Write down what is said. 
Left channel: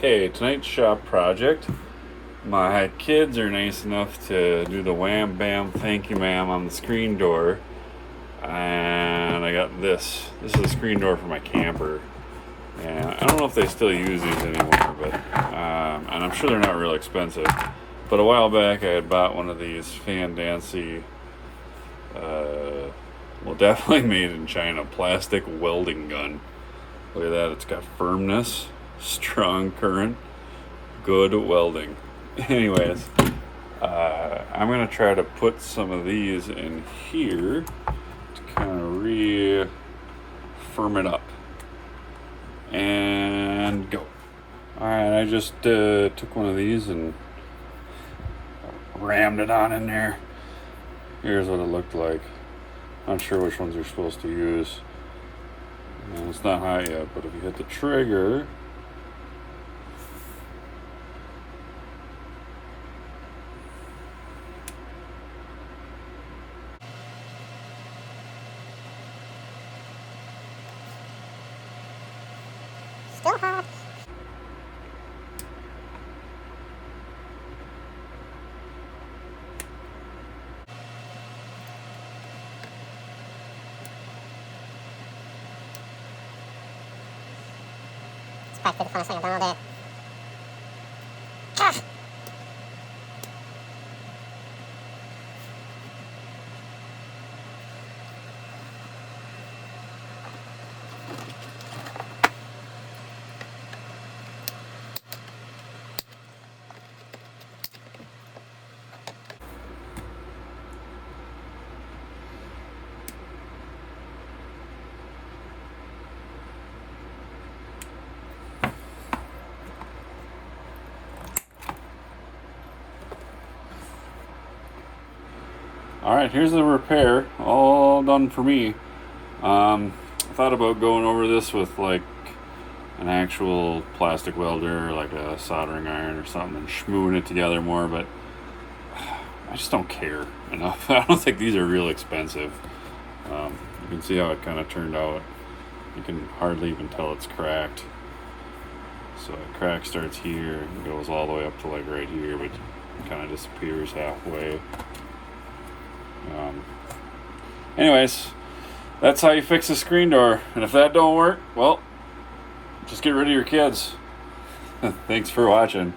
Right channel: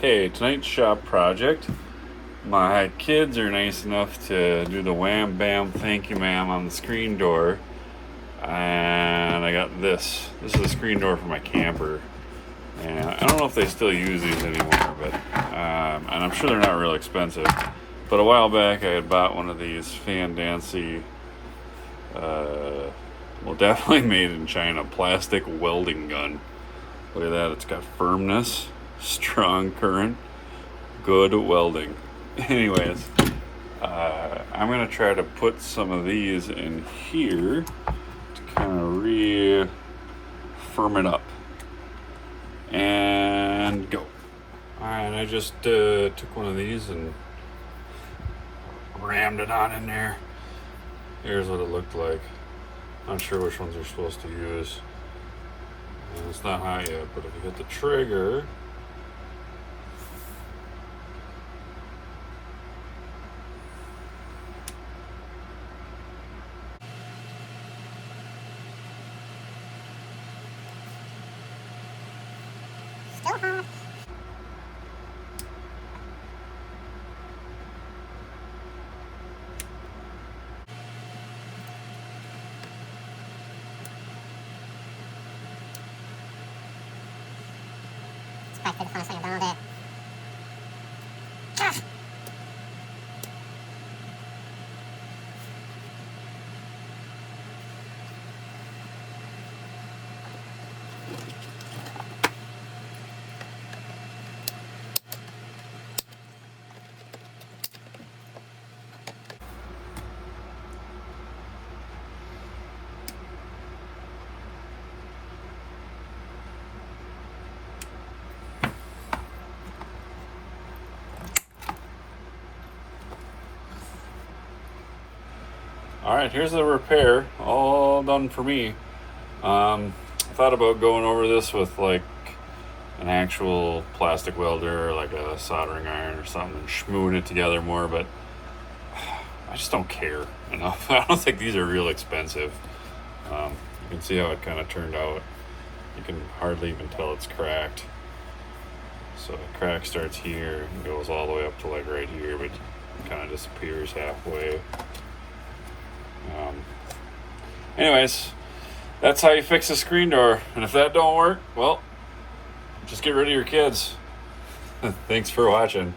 Okay, tonight's shop project. My kids are nice enough to do the wham bam thank you ma'am on the screen door. And I got this. This is a screen door for my camper. And I don't know if they still use these anymore, but and I'm sure they're not real expensive. But a while back I had bought one of these Fan Dancy, well, definitely made in China, plastic welding gun. Look at that, it's got firmness, strong current, good welding. Anyways, I'm gonna try to put some of these in here to kind of firm it up and go. All right, I just took one of these and rammed it on in there. Here's what it looked like. Not sure which ones you're supposed to use. And it's not hot yet, but if you hit the trigger, still hot. Back to the front side of it. Ah! all right, here's the repair, all done for me. I thought about going over this with like an actual plastic welder or like a soldering iron or something and schmooing it together more, but I just don't care enough. I don't think these are real expensive. You can see how it kind of turned out. You can hardly even tell it's cracked. So the crack starts here and goes all the way up to like right here, but it kind of disappears halfway. Anyways, that's how you fix a screen door. And if that don't work, well, just get rid of your kids. Thanks for watching.